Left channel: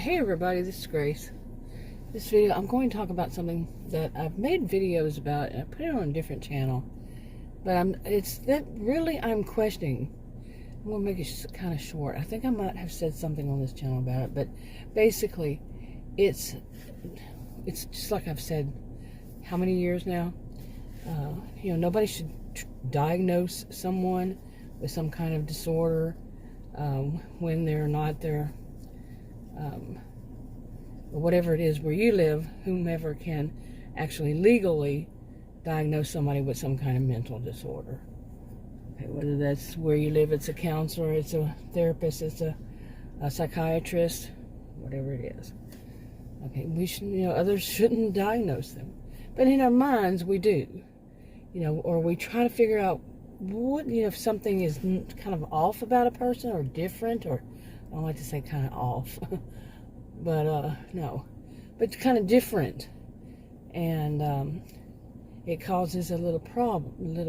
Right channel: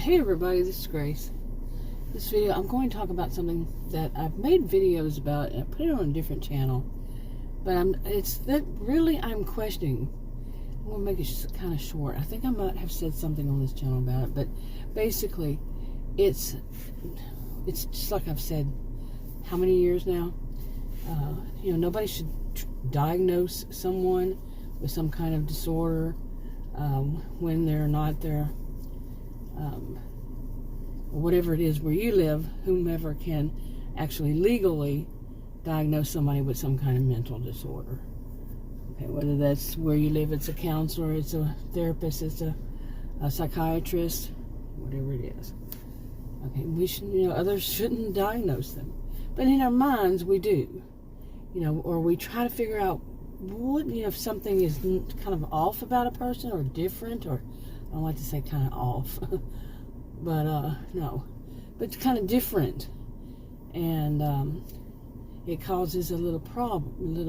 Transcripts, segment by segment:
Hey everybody, this is Grace. This video, I'm going to talk about something that I've made videos about, and I put it on a different channel. But I'm questioning. I'm going to make it kind of short. I think I might have said something on this channel about it, but basically, it's just like I've said, how many years now? Nobody should diagnose someone with some kind of disorder when they're not there. Whatever it is where you live, whomever can actually legally diagnose somebody with some kind of mental disorder. Okay, whether that's where you live, it's a counselor, it's a therapist, it's a psychiatrist, whatever it is. Okay, we should, others shouldn't diagnose them, but in our minds we do, or we try to figure out what, if something is kind of off about a person or different, or I don't like to say kind of off, but no, but kind of different, and it causes a little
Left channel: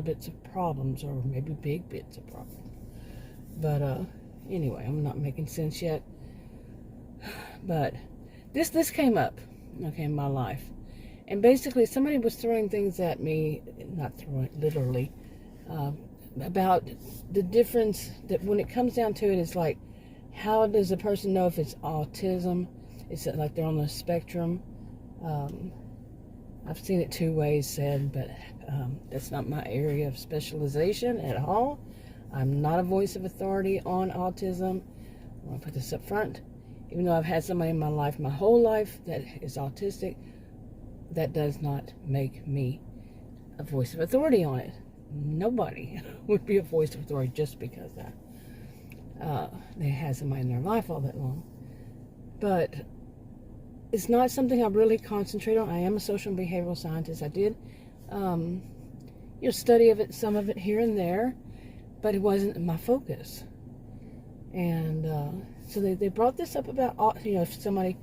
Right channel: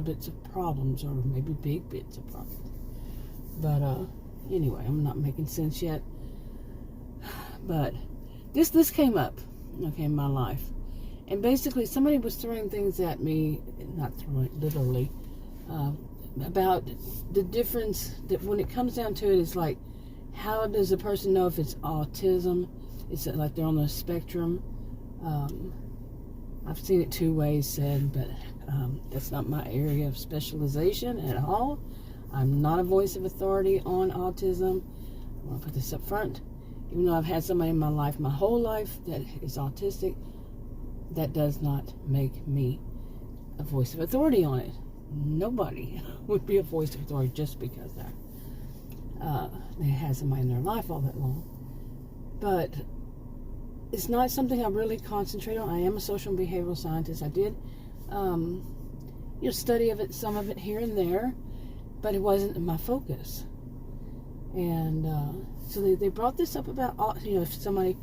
bits of problems, or maybe big bits of problems. But anyway, I'm not making sense yet. But this came up, okay, in my life, and basically somebody was throwing things at me, not throwing it literally, about the difference that when it comes down to it, it's like, how does a person know if it's autism? Is it like they're on the spectrum? I've seen it two ways said, but that's not my area of specialization at all. I'm not a voice of authority on autism. I want to put this up front. Even though I've had somebody in my life, my whole life, that is autistic, that does not make me a voice of authority on it. Nobody would be a voice of authority just because they had somebody in their life all that long. But it's not something I really concentrate on. I am a social and behavioral scientist. I did study of it, some of it here and there, but it wasn't my focus. And so they brought this up about, if somebody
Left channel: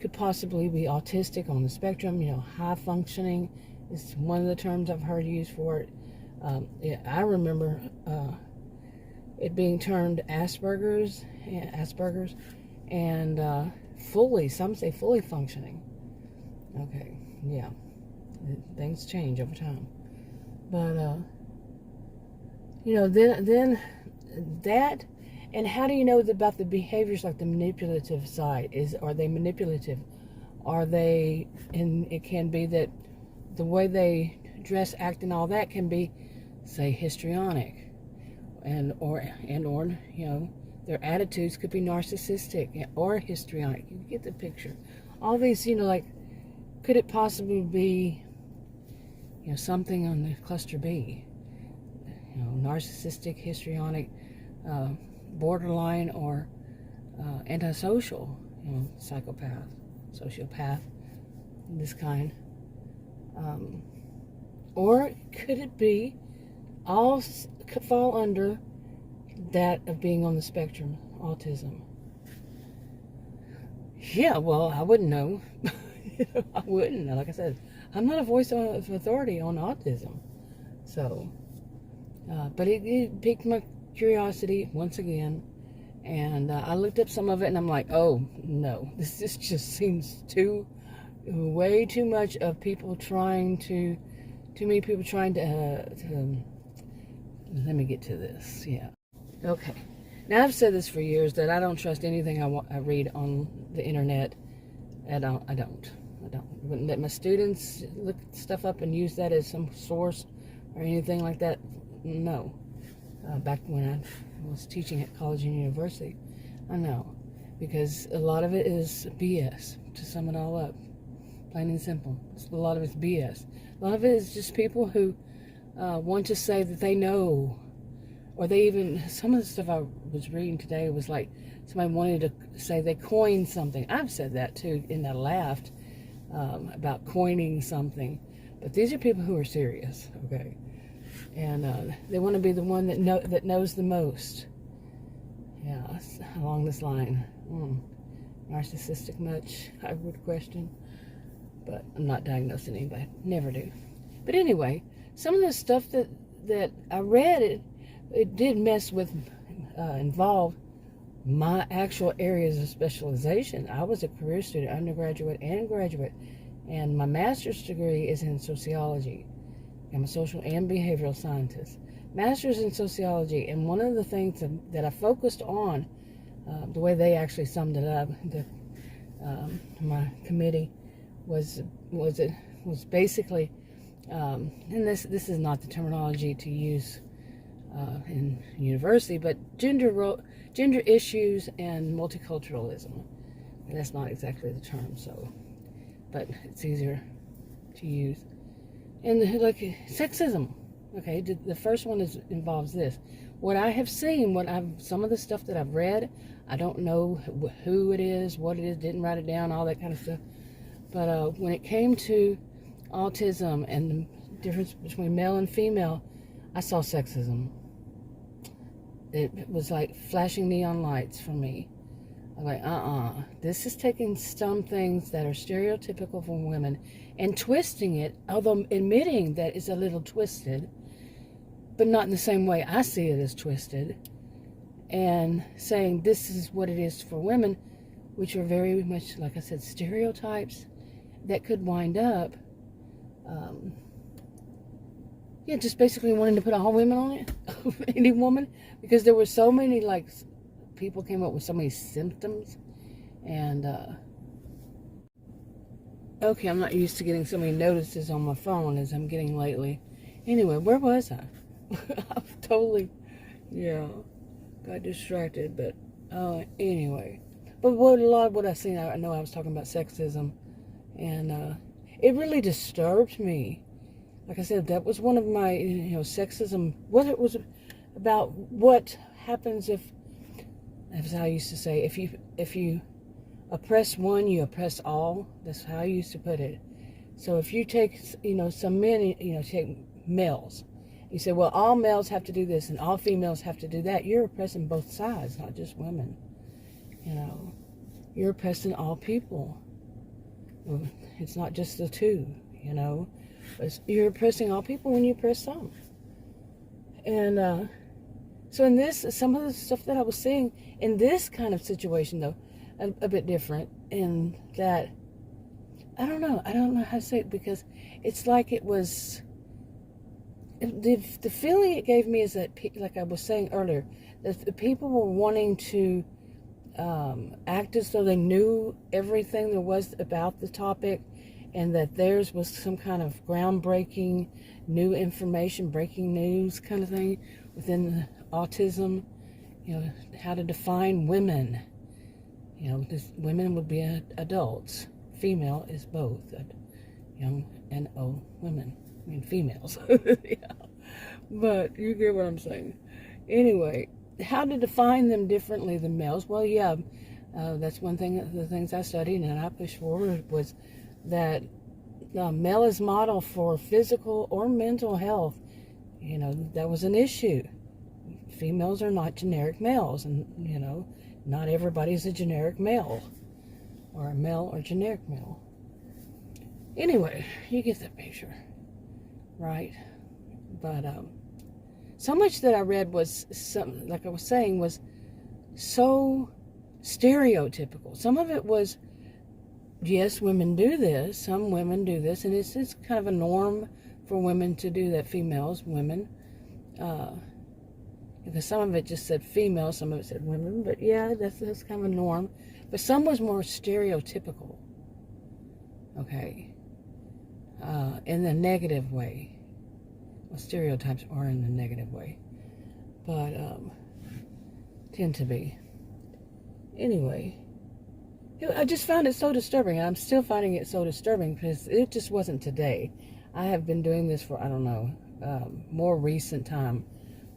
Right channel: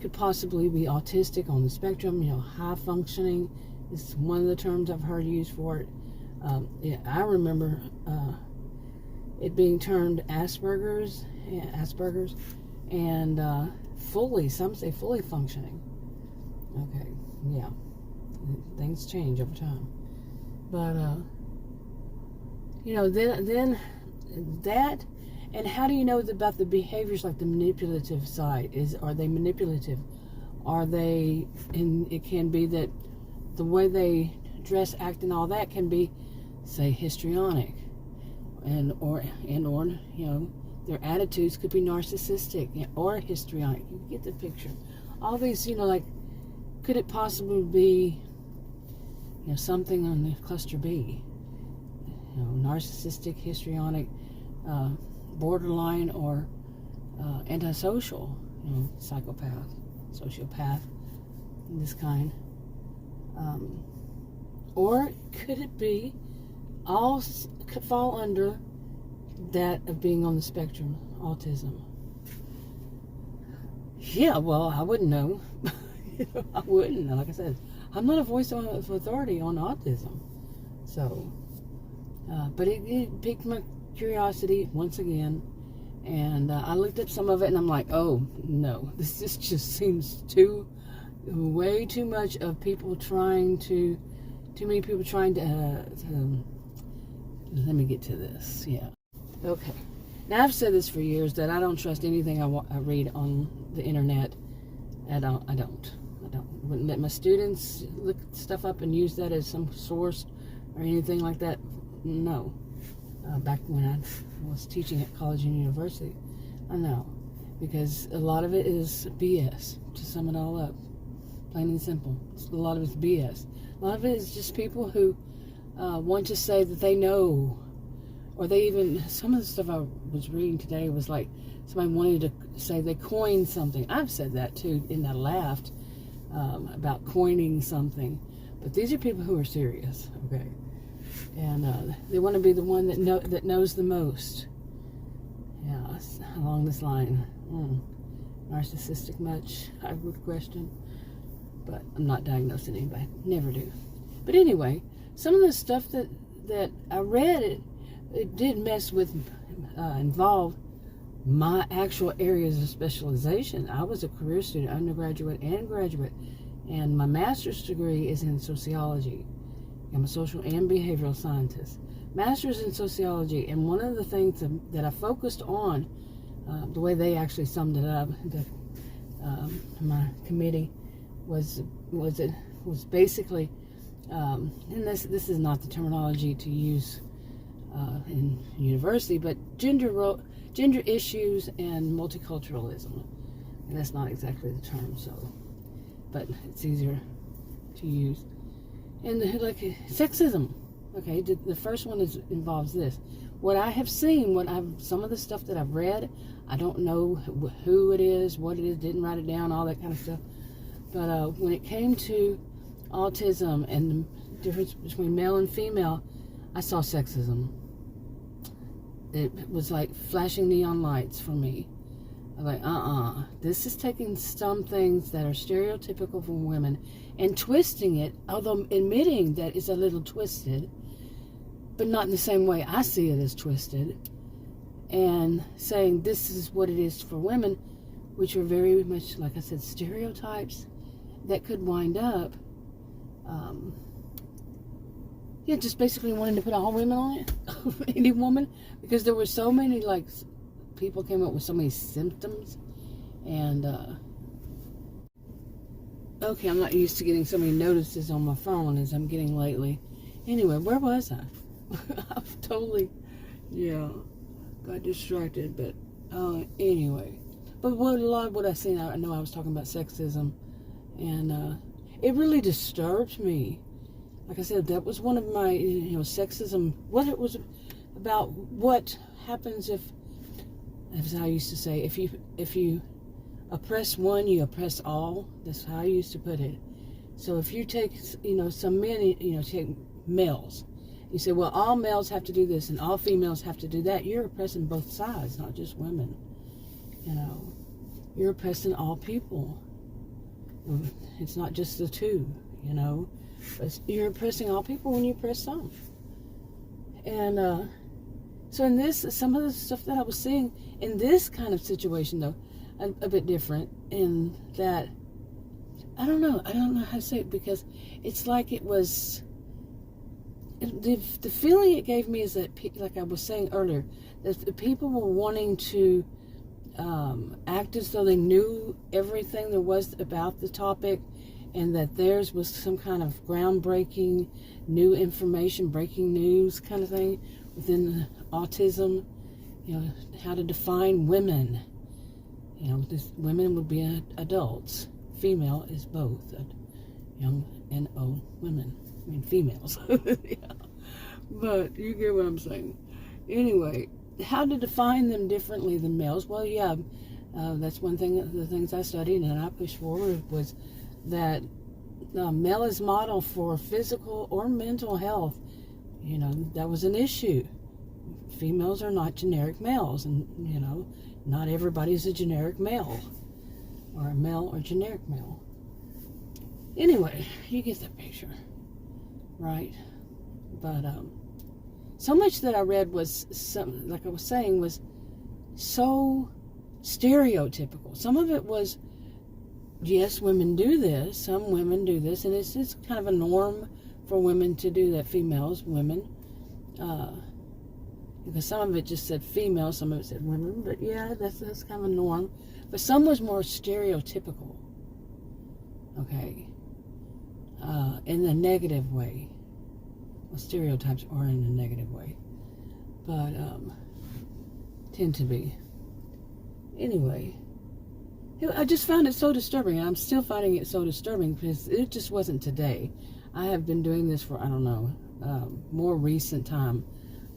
could possibly be autistic on the spectrum, high functioning is one of the terms I've heard used for it. I remember it being termed Asperger's, and some say fully functioning. Okay, yeah, things change over time. But then that, and how do you know about the behaviors, like the manipulative side? Are they manipulative? Are they? And it can be that the way they dress, act, and all that can be, say, histrionic, or their attitudes could be narcissistic or histrionic. You get the picture. All these, like, could it possibly be, something on the cluster B? Narcissistic, histrionic, borderline, or antisocial, psychopath, sociopath, this kind. Or could it be all could fall under that of being on the spectrum, autism? Yeah, well, I wouldn't know. I wouldn't. Like I said, I'm not a voice of authority on autism. So, but it piqued my curiosity once again, and I looked up some of it, and I'm like, oh no, this just seems way too much of people trying to. Too many people trying to let me get to this. Yeah. Okay. Now, I've said this for years, that I don't trust anything I read on the internet. I don't. Wouldn't let my students look stuff up and use that as some source or anything like that. No. Back when I was teaching at college and university, I know. Because a lot of it is BS, to sum it all up. Plain and simple. A lot of it's BS. A lot of it is just people who want to say that they know, or they even, some of the stuff I was reading today was like somebody wanted to say they coined something. I've said that too, and I laughed about coining something. But these are people who are serious, okay? And they want to be the one that knows the most. Yeah, along this line. Narcissistic much, I would question. But I'm not diagnosing anybody. Never do. But anyway, some of the stuff that I read, it did involve my actual areas of specialization. I was a career student, undergraduate and graduate, and my master's degree is in sociology. I'm a social and behavioral scientist. Master's in sociology, and one of the things that I focused on, the way they actually summed it up, my committee was basically, and this is not the terminology to use in university, but gender issues and multiculturalism. And that's not exactly the term, so, but it's easier to use. And like sexism, okay, the first one involves this. What I have seen, some of the stuff that I've read, I don't know who it is, what it is, didn't write it down, all that kind of stuff. But when it came to autism and the difference between male and female, I saw sexism. It was like flashing neon lights for me. I'm like, this is taking some things that are stereotypical for women and twisting it, although admitting that it's a little twisted, but not in the same way I see it as twisted, and saying this is what it is for women, which are very much, like I said, stereotypes that could wind up, just basically wanting to put all women on it, any woman, because there were so many, like, people came up with so many symptoms, and, okay, I'm not used to getting so many notices on my phone as I'm getting lately. Anyway, where was I? I've totally, got distracted, but, anyway. But a lot of what I've seen, I know I was talking about sexism, and, it really disturbed me. Like I said, that was one of my, sexism, what it was about, what happens if, as I used to say, if you oppress one, you oppress all. That's how I used to put it. So if you take, some men, take males, you say, well, all males have to do this and all females have to do that. You're oppressing both sides, not just women. You're oppressing all people. It's not just the two, but you're oppressing all people when you oppress some. And so in this, some of the stuff that I was seeing in this kind of situation, though, a bit different in that, I don't know how to say it, because it's like it was, the feeling it gave me is that, like I was saying earlier, that the people were wanting to act as though they knew everything there was about the topic, and that theirs was some kind of groundbreaking, new information, breaking news kind of thing within autism, how to define women. Women would be adults. Female is both, young and old women. I mean, females. Yeah. But you get what I'm saying. Anyway, how to define them differently than males? Well, that's one thing, the things I studied and I pushed forward was that male is model for physical or mental health. That was an issue. Females are not generic males, and, not everybody's a generic male, or a male or generic male. Anyway, you get that picture, right? But, so much that I read was, like I was saying, was so stereotypical. Some of it was, yes, women do this, some women do this, and it's kind of a norm for women to do that, women, because some of it just said female, some of it said women, but yeah, that's kind of a norm. But some was more stereotypical, okay, in a negative way. Well, stereotypes are in a negative way, but tend to be. Anyway, I just found it so disturbing, and I'm still finding it so disturbing because it just wasn't today. I have been doing this for, I don't know, more recent time,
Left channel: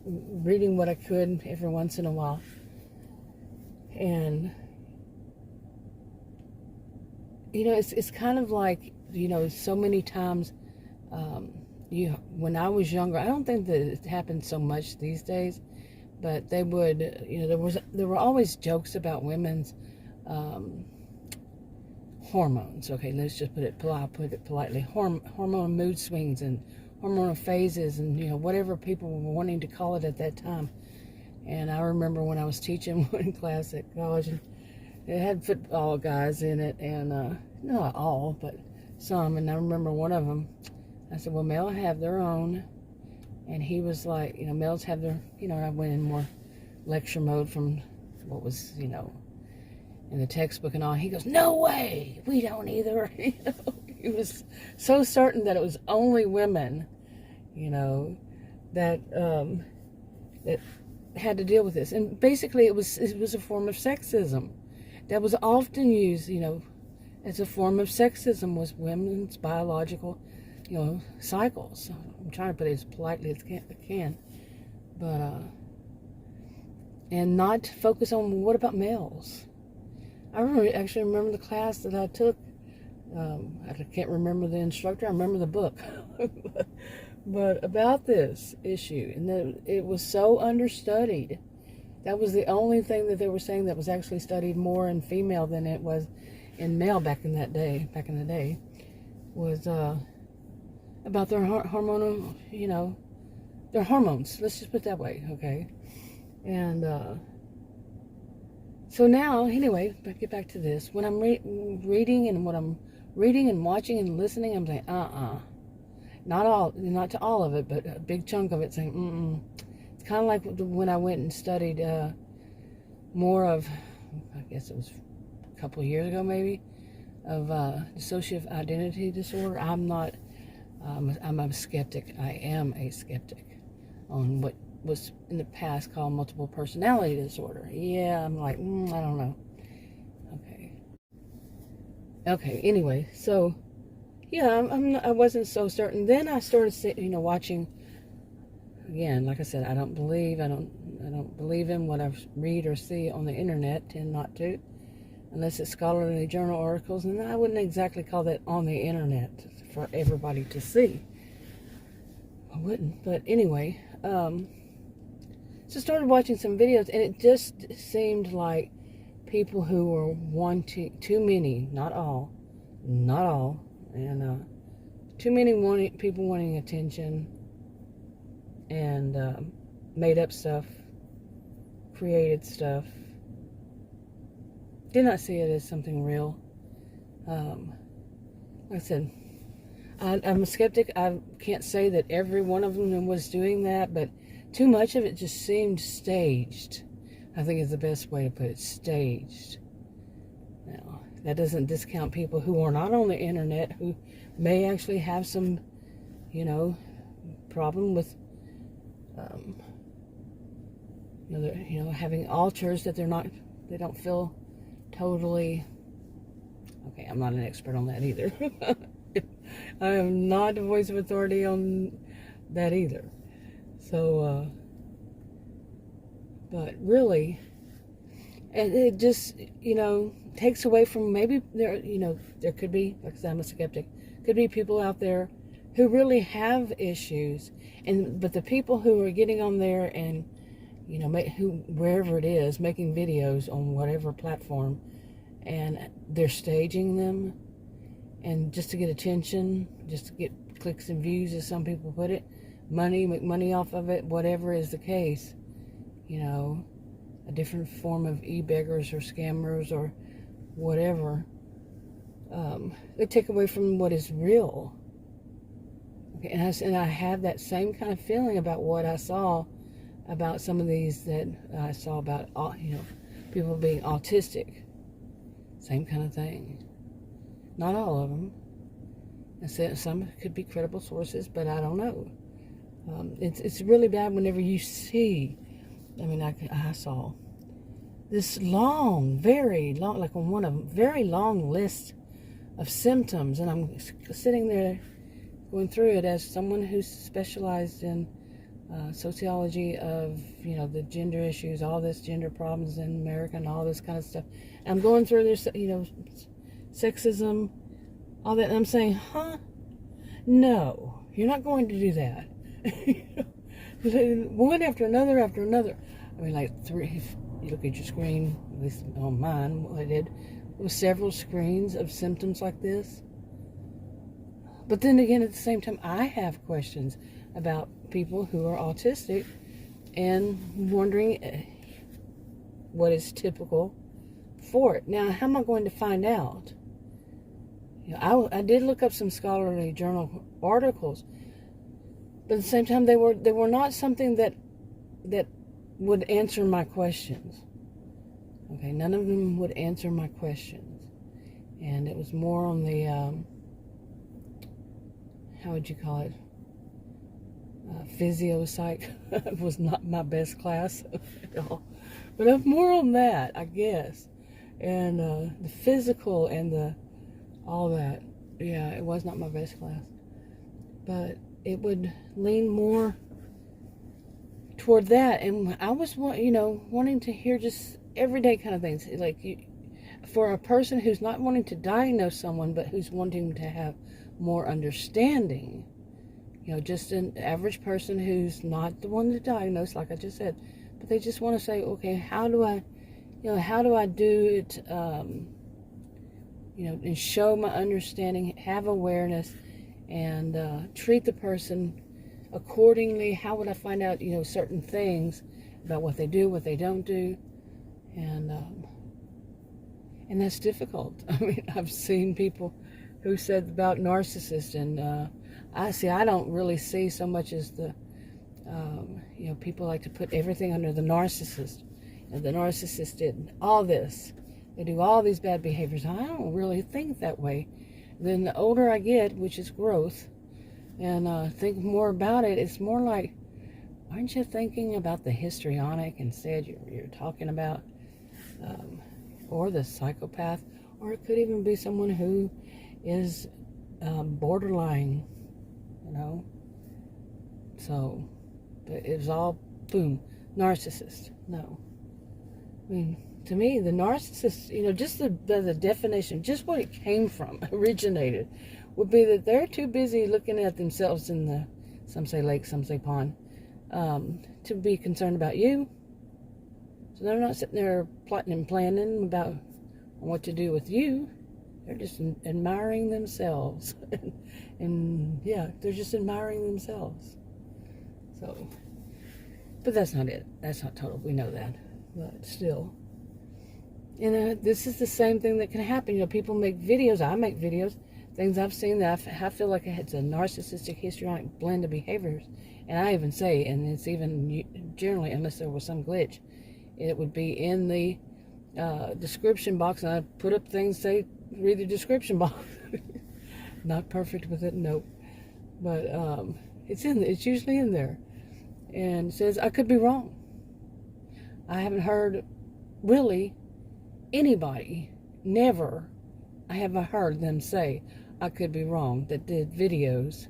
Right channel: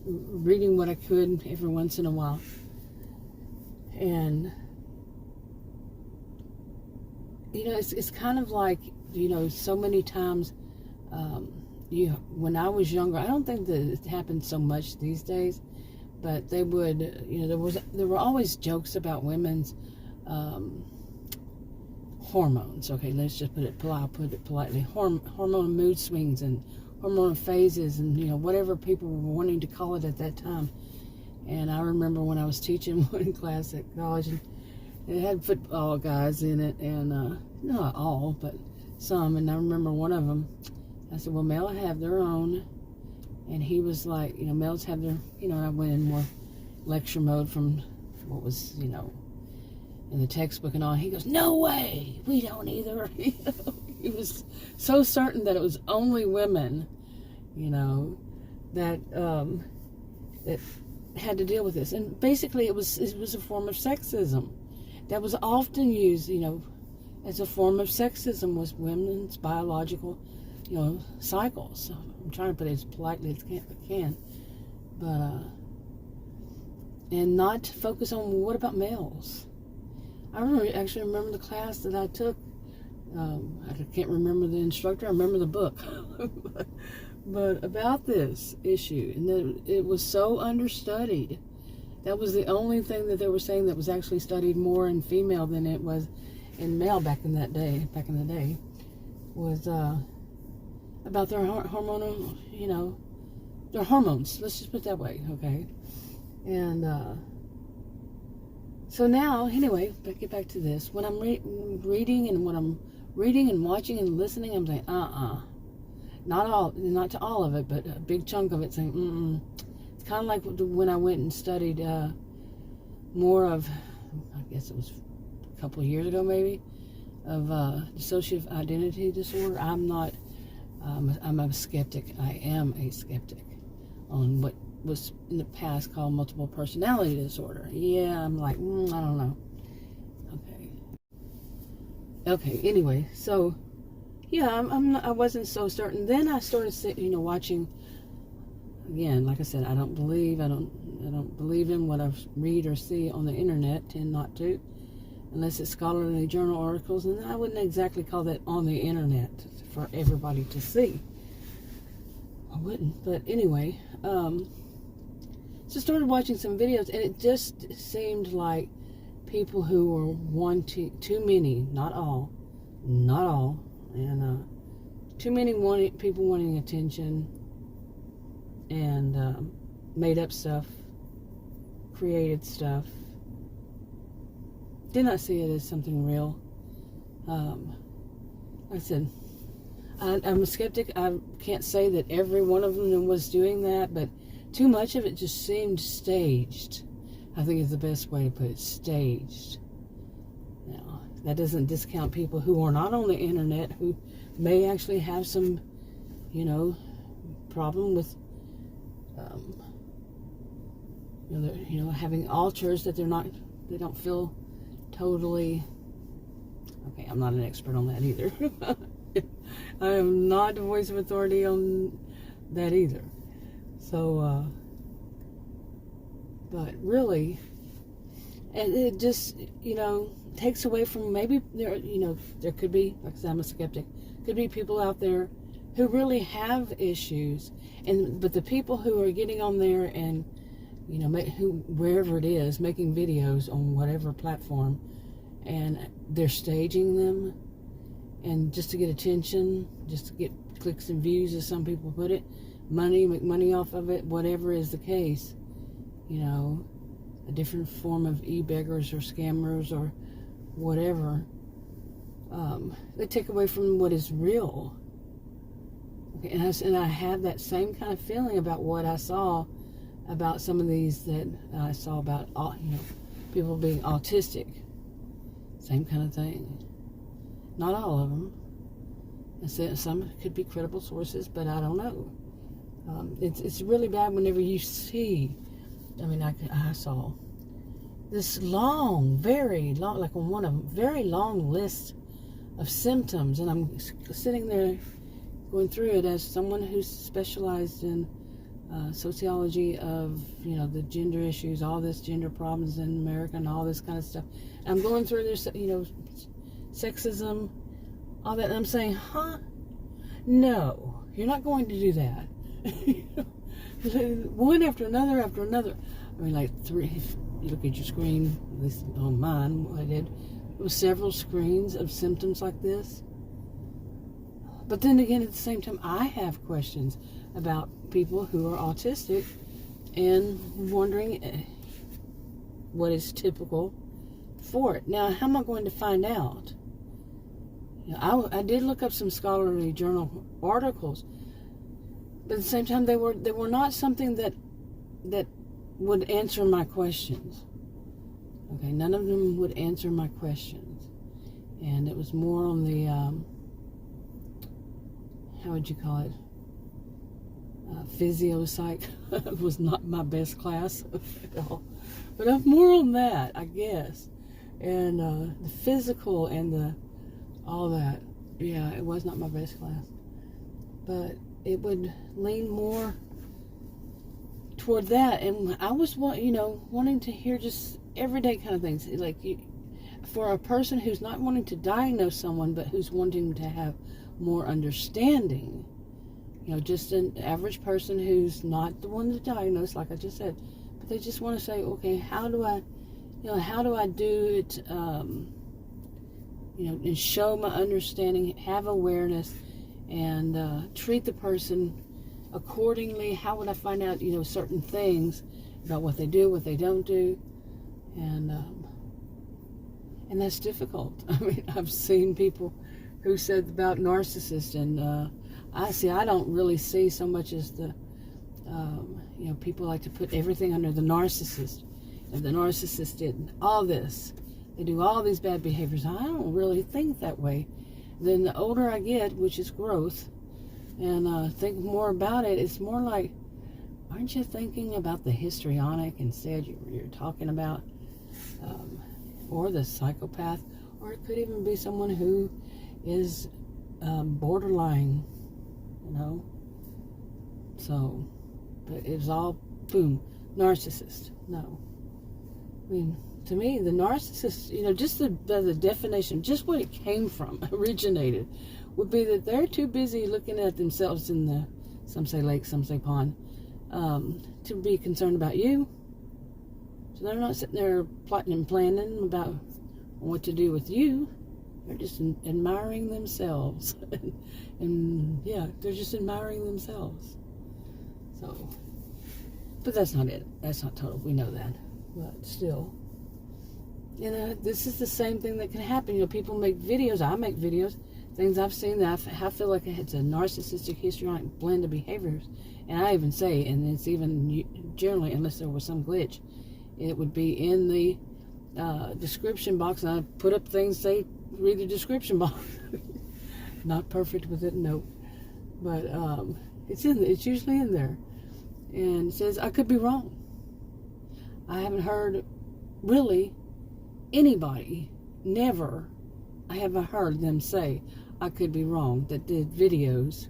reading what I could every once in a while, and it's kind of like, so many times, when I was younger, I don't think that it happened so much these days, but they would, there were always jokes about women's hormones. Okay, let's just put it politely. Hormone mood swings and hormone phases, and whatever people were wanting to call it at that time. And I remember when I was teaching one class at college, and it had football guys in it, and not all, but some. And I remember one of them, I said, well, males have their own. And he was like, males have their, I went in more lecture mode from what was, in the textbook and all. He goes, no way, we don't either. He was so certain that it was only women, that that had to deal with this. And basically it was a form of sexism that was often used, as a form of sexism, was women's biological, cycles. So I'm trying to put it as politely as I can. But and not focus on what about males. I actually remember the class that I took. I can't remember the instructor. I remember the book. but about this issue, and that it was so understudied. That was the only thing that they were saying that was actually studied more in female than it was in male back in the day, was about their hormonal, their hormones. Let's just put it that way, okay? And so now, anyway, but get back to this. When I'm reading and watching and listening, I'm saying, not to all of it, but a big chunk of it saying, It's kind of like when I went and studied more of, I guess it was a couple of years ago maybe, of dissociative identity disorder. I'm a skeptic. I am a skeptic on what was in the past called multiple personality disorder. Yeah, I'm like, I don't know. Okay, anyway, so yeah, I wasn't so certain. Then I started, watching. Again, like I said, I don't believe in what I read or see on the internet. Tend not to, unless it's scholarly journal articles, and I wouldn't exactly call that on the internet for everybody to see. I wouldn't, but anyway, so started watching some videos, and it just seemed like people who were wanting too many, not all, and too many people wanting attention. And made up stuff, created stuff. Did not see it as something real. Like I said, I'm a skeptic. I can't say that every one of them was doing that, but too much of it just seemed staged. I think is the best way to put it, staged. Now, that doesn't discount people who are not on the internet, who may actually have some, problem with having alters that they don't feel totally, okay, I'm not an expert on that either. I am not a voice of authority on that either. So, but really, and it just, takes away from maybe there could be, like I said, I'm a skeptic, could be people out there who really have issues, but the people who are getting on there and wherever it is, making videos on whatever platform, and they're staging them, and just to get attention, just to get clicks and views, as some people put it, make money off of it, whatever is the case, a different form of e-beggars or scammers or whatever, they take away from what is real. Okay, and I had that same kind of feeling about what I saw about some of these that I saw about, people being autistic. Same kind of thing. Not all of them. And some could be credible sources, but I don't know. It's really bad whenever you see, I saw this very long, like on one of them, very long list of symptoms, and I'm sitting there going through it as someone who's specialized in sociology of, the gender issues, all this gender problems in America and all this kind of stuff. And I'm going through this, sexism, all that, and I'm saying, no, you're not going to do that. One after another after another. Like three, if you look at your screen, at least on mine, what I did, it was several screens of symptoms like this. But then again, at the same time, I have questions about people who are autistic and wondering what is typical for it. Now, how am I going to find out? I did look up some scholarly journal articles, but at the same time, they were not something that would answer my questions. Okay, none of them would answer my questions, and it was more on the how would you call it? Physio psych was not my best class, but I'm more on that, I guess, and the physical and all that. Yeah, it was not my best class, but it would lean more toward that, and I was, wanting to hear just everyday kind of things, like for a person who's not wanting to diagnose someone, but who's wanting to have more understanding. Just an average person who's not the one to diagnose, like I just said, but they just want to say, okay, how do I do it, and show my understanding, have awareness, and treat the person accordingly. How would I find out, certain things about what they do, what they don't do, and that's difficult. I mean, I've seen people who said about narcissists, and I don't really see so much as the, people like to put everything under the narcissist. The narcissist did all this. They do all these bad behaviors. I don't really think that way. Then the older I get, which is growth, and think more about it, it's more like, aren't you thinking about the histrionic instead? You're talking about, or the psychopath, or it could even be someone who is borderline. So, but it's all, boom, narcissist. No. I mean, to me, the narcissist, just the definition, just what it came from, originated, would be that they're too busy looking at themselves in the, some say lake, some say pond, to be concerned about you. So they're not sitting there plotting and planning about what to do with you. They're just admiring themselves. and yeah, they're just admiring themselves. So, but that's not it. That's not total. We know that. But still, this is the same thing that can happen. People make videos. I make videos. Things I've seen that I feel like it's a narcissistic, histrionic blend of behaviors. And I even say, and it's even generally, unless there was some glitch, it would be in the description box, and I put up things, say, read the description box. Not perfect with it, no, but it's usually in there, and it says I could be wrong. I haven't heard really anybody, never I haven't heard them say I could be wrong that did videos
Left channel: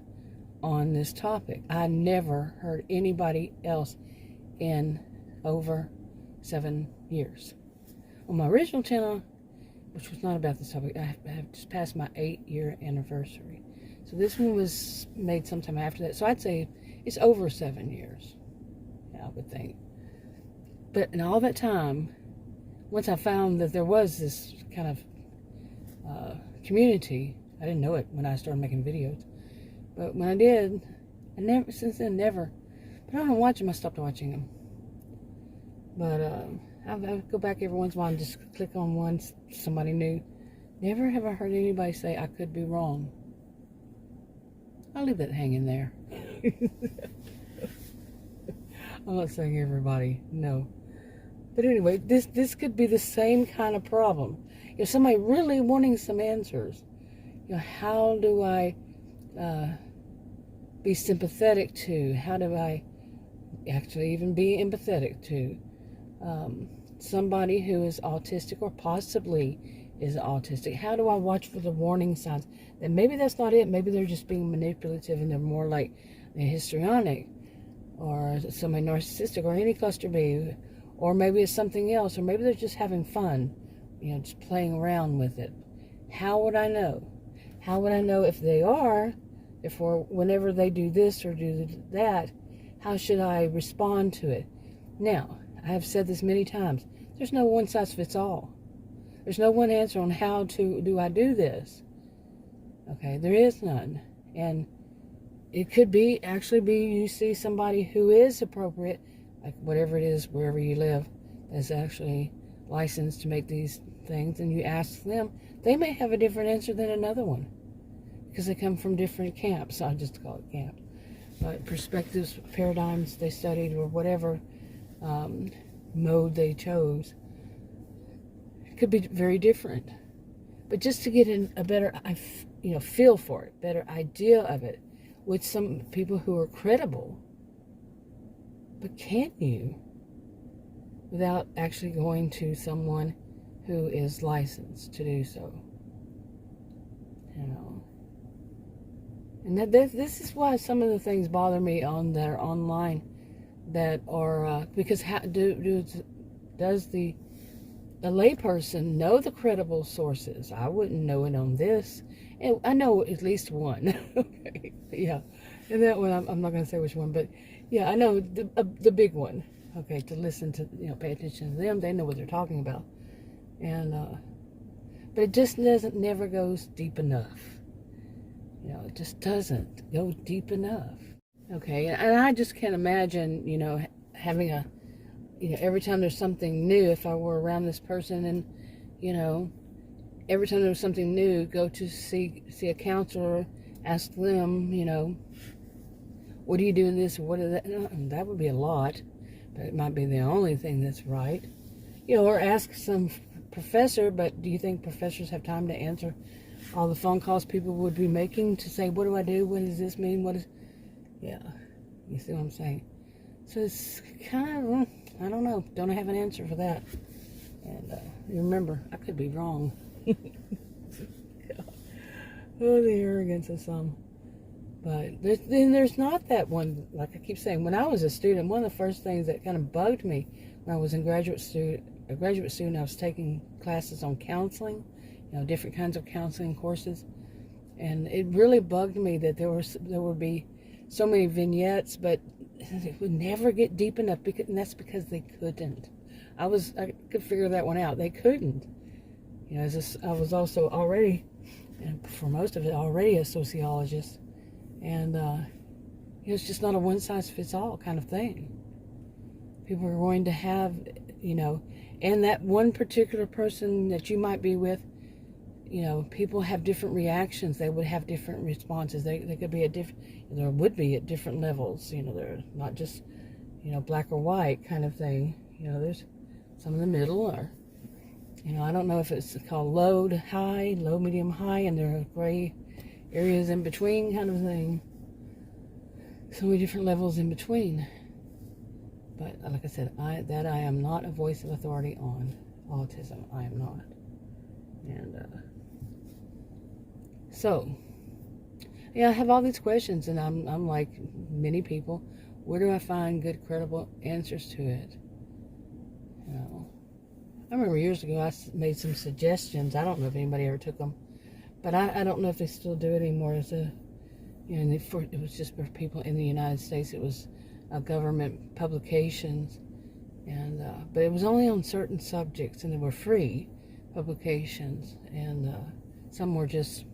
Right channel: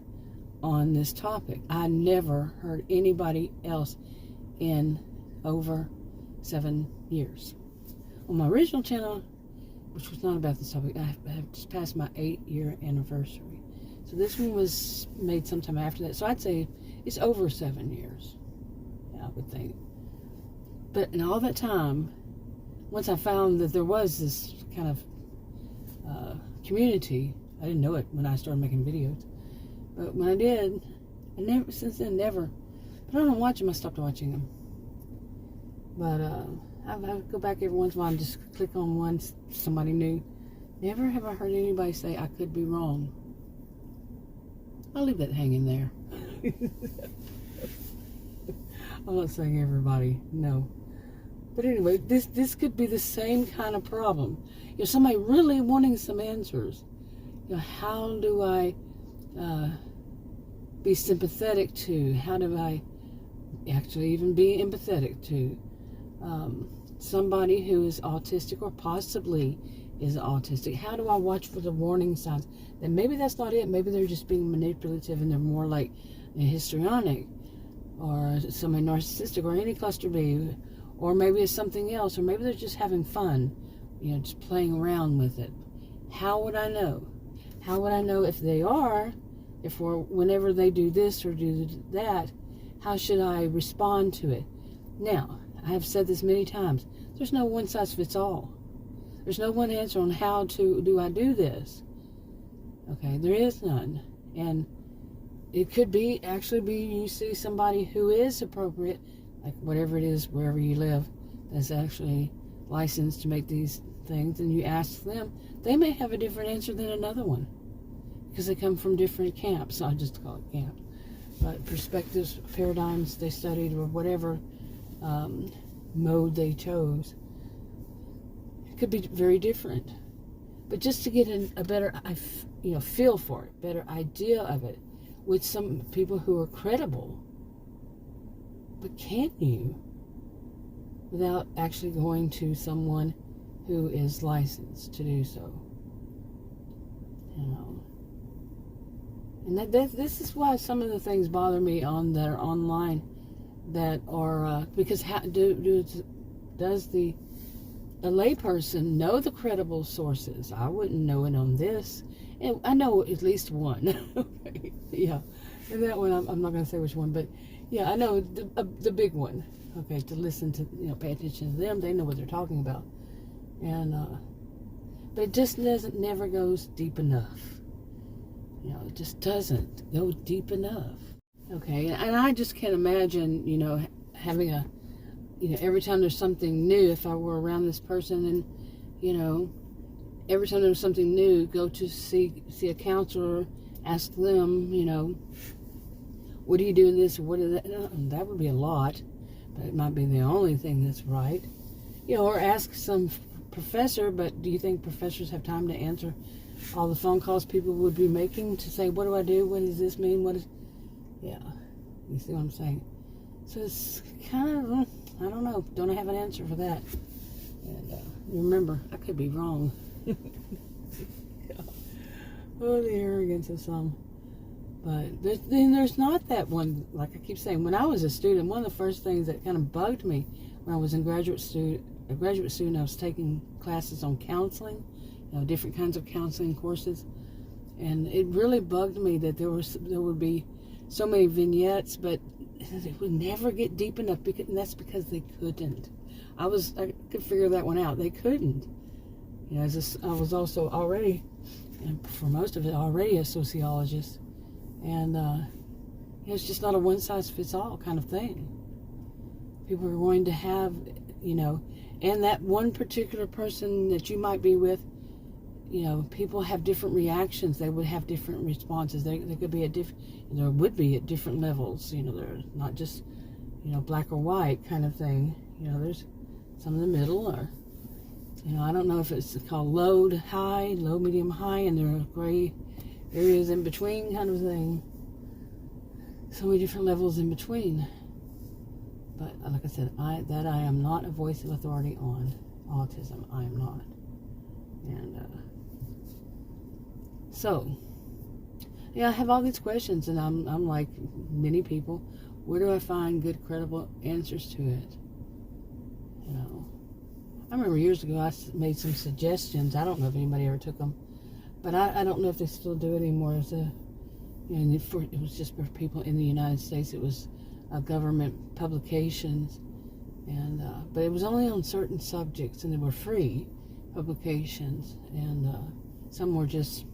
on this topic. I never heard anybody else in over 7 years. On my original channel, which was not about this topic, I have just passed my 8-year anniversary. So this one was made sometime after that. So I'd say it's over 7 years, I would think. But in all that time, once I found that there was this kind of community, I didn't know it when I started making videos. But when I did, since then, never. But I don't watch them, I stopped watching them. But I go back every once in a while and just click on one, somebody new. Never have I heard anybody say I could be wrong. I'll leave that hanging there. I'm not saying everybody, no. But anyway, this could be the same kind of problem. If somebody really wanting some answers, how do I be sympathetic to? How do I actually even be empathetic to somebody who is autistic or possibly is autistic? How do I watch for the warning signs? And maybe that's not it. Maybe they're just being manipulative and they're more like a histrionic or somebody narcissistic or any cluster B, or maybe it's something else, or maybe they're just having fun, just playing around with it. How would I know? How would I know if they are, whenever they do this or do that, how should I respond to it? Now, I have said this many times, there's no one size fits all. There's no one answer on how do I do this. Okay, there is none. And it could actually be you see somebody who is appropriate, like whatever it is, wherever you live, that's actually licensed to make these things, and you ask them, they may have a different answer than another one because they come from different camps. I'll just call it camp. But perspectives, paradigms they studied, or whatever mode they chose, it could be very different. But just to get a better, feel for it, better idea of it, with some people who are credible. But can you, without actually going to someone who is licensed to do so? And this is why some of the things bother me that are online, that are because does the layperson know the credible sources? I wouldn't know it on this, and I know at least one. Okay, yeah, and that one I'm not going to say which one, but yeah, I know the big one. Okay, to listen to, pay attention to them. They know what they're talking about, and but it just never goes deep enough. It just doesn't go deep enough. Okay, and I just can't imagine, having every time there's something new, if I were around this person and, every time there was something new, go to see a counselor, ask them, what do you do in this, or what is that? That would be a lot, but it might be the only thing that's right. Or ask some professor, but do you think professors have time to answer all the phone calls people would be making to say, what do I do? What does this mean? Yeah, you see what I'm saying? So it's kind of, I don't know. Don't have an answer for that. And remember, I could be wrong. Oh, the arrogance of some. But then there's not that one, like I keep saying, when I was a student, one of the first things that kind of bugged me when I was in graduate student, I was taking classes on counseling, different kinds of counseling courses, and it really bugged me that there would be so many vignettes, but it would never get deep enough, and that's because they couldn't. I could figure that one out. They couldn't. I was also already, and for most of it, already a sociologist, and it's just not a one-size-fits-all kind of thing. People are going to have, and that one particular person that you might be with, people have different reactions. They would have different responses. They could be there would be at different levels. They're not just, black or white kind of thing. There's some in the middle, or, I don't know if it's called low to high, low, medium, high, and there are gray areas in between kind of thing. So many different levels in between. But like I said, I am not a voice of authority on autism. I am not. And so, I have all these questions, and I'm like many people, where do I find good, credible answers to it? I remember years ago I made some suggestions. I don't know if anybody ever took them, but I don't know if they still do it anymore. And it was just for people in the United States. It was government publications, and but it was only on certain subjects, and they were free publications, and some were just,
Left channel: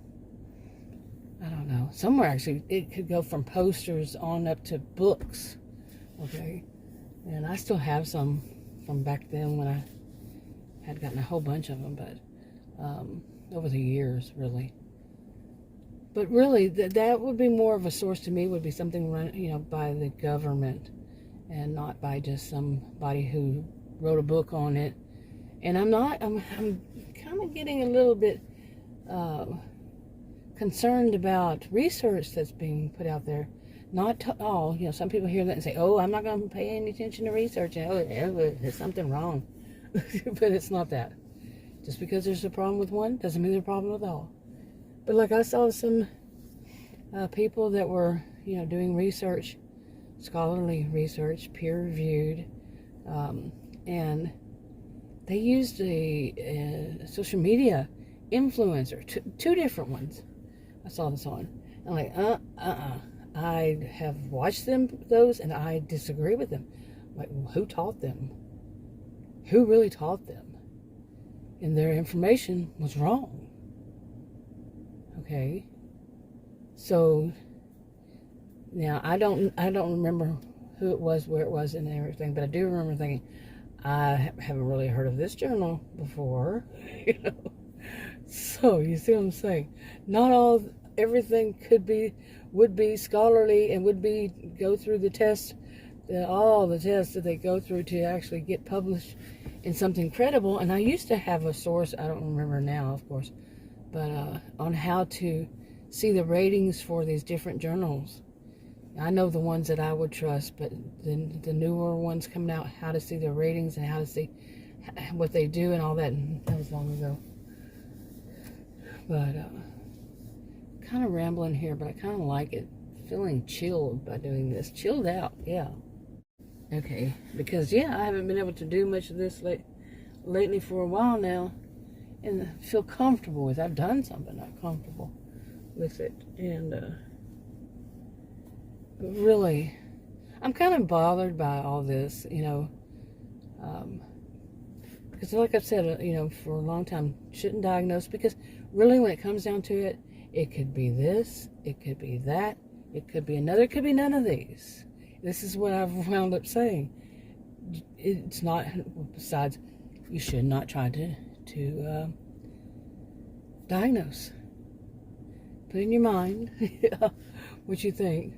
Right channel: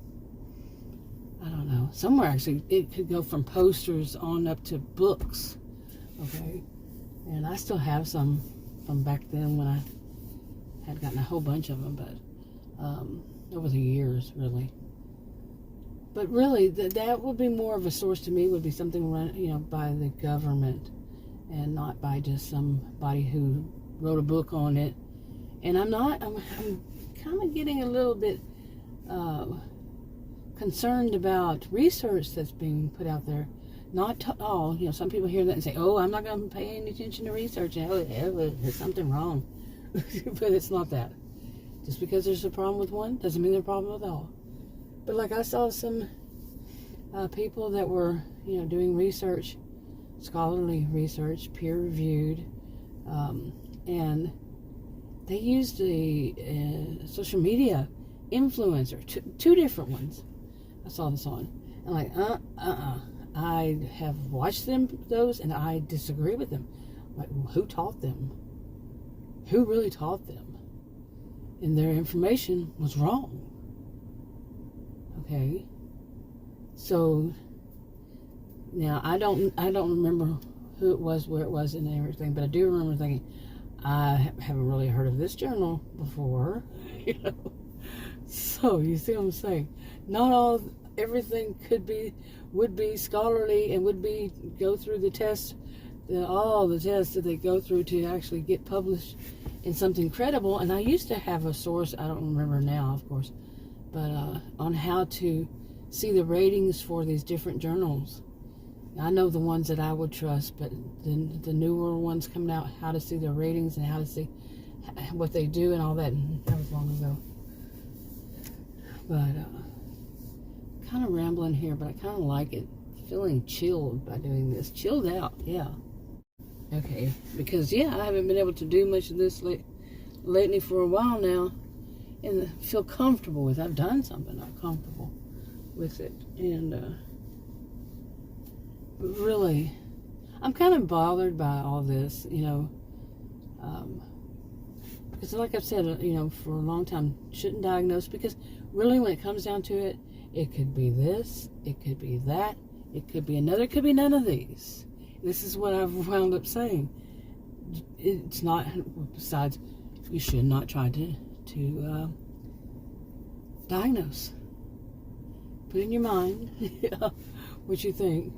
I don't know, some were actually, it could go from posters on up to books. Okay, and I still have some from back then when I had gotten a whole bunch of them, but over the years, really. But really, that would be more of a source to me, would be something run, by the government, and not by just somebody who wrote a book on it. And I'm kind of getting a little bit concerned about research that's being put out there. Not to all, some people hear that and say, oh, I'm not going to pay any attention to research, there's something wrong. But it's not that. Just because there's a problem with one doesn't mean there's a problem with all. But like I saw some people that were, doing research, scholarly research, peer-reviewed, and they used a social media influencer, two different ones. I saw this on. I'm like, I have watched those, and I disagree with them. Like, who taught them? Who really taught them? And their information was wrong. Okay. So now I don't remember who it was, where it was, and everything. But I do remember thinking, I haven't really heard of this journal before. So you see what I'm saying? Not everything would be scholarly and would be go through the test, all the tests that they go through to actually get published in something credible. And I used to have a source, I don't remember now, of course, but on how to see the ratings for these different journals. I know the ones that I would trust, but the newer ones coming out, how to see their ratings and how to see what they do and all that. That was long ago. But kind of rambling here, but I kind of like it. Feeling chilled by doing this. Chilled out, yeah. Okay, because I haven't been able to do much of this lately for a while now, and feel comfortable with it. I've done something, not comfortable with it, and but really, I'm kind of bothered by all this, because like I've said, for a long time, shouldn't diagnose, because really when it comes down to it, it could be this, it could be that, it could be another, it could be none of these. This is what I've wound up saying. It's not, besides, you should not try to diagnose. Put in your mind what you think.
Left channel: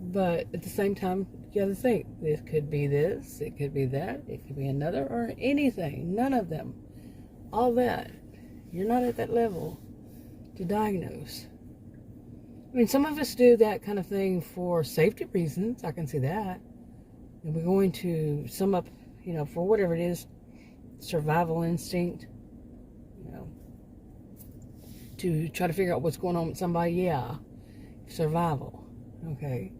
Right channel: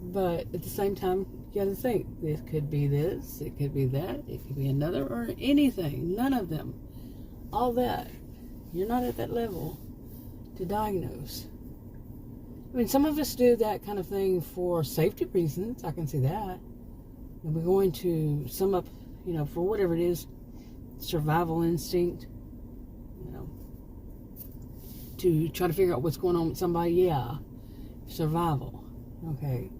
But at the same time, you gotta think, this could be this, it could be that, it could be another, or anything. None of them. All that. You're not at that level to diagnose. I mean, some of us do that kind of thing for safety reasons. I can see that. And we're going to sum up, for whatever it is, survival instinct, to try to figure out what's going on with somebody. Survival. Okay.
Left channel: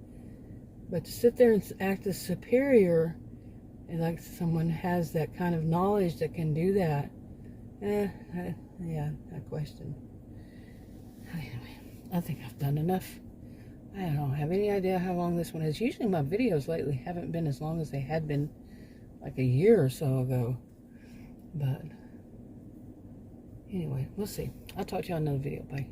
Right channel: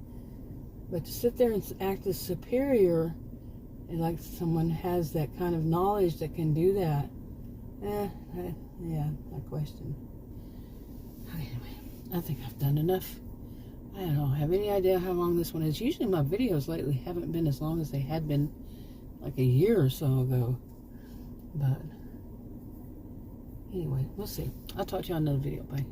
But to sit there and act as superior, and like someone has that kind of knowledge that can do that, I question. Anyway, I think I've done enough. I don't have any idea how long this one is. Usually my videos lately haven't been as long as they had been like a year or so ago. But anyway, we'll see. I'll talk to you on another video. Bye.